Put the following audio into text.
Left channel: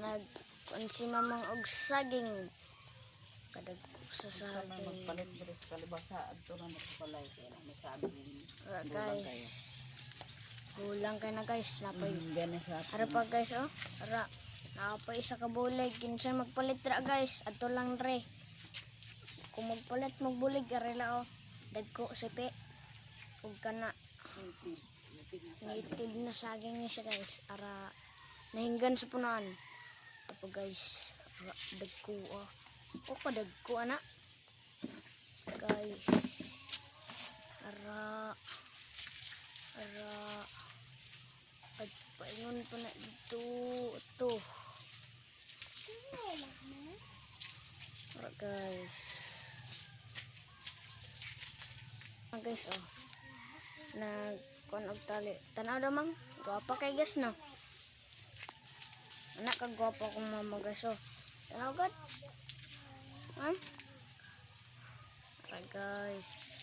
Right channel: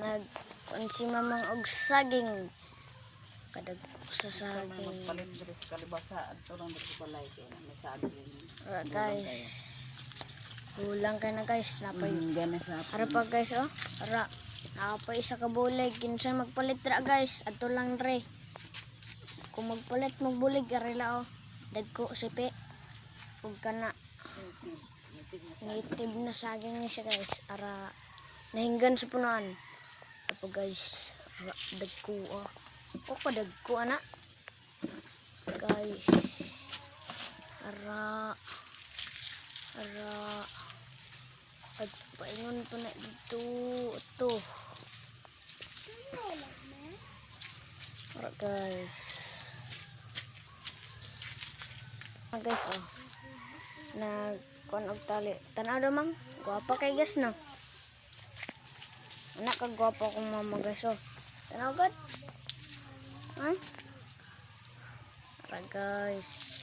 nag si mamang og saging kadag sa saging. Palit diri sa kalibasa adto lang dito sa balay kay may saging. Guys. Bulang ka na guys, napay. Gana sa Ara pa guys oh. Ara. Napay isa ka bulig kinsa magpalit ra guys. Adto lang dre. Kung magpalit magbulig arila oh. Dagko sipi. Ug kana native na saging niya siya guys. Ara nahinggan sa punuan. Ito guys. Ara dagko oh. O pa dagko ana. Guys. Ara. At paingon ko na dito. Ito. Ara guys. Guys oh. Nagkuhan og tali. Tanaw daw mang. Guwapa kay guys no. Anak ka guwapa kong mama guys oh. Tanaw god. Ay. Ara guys.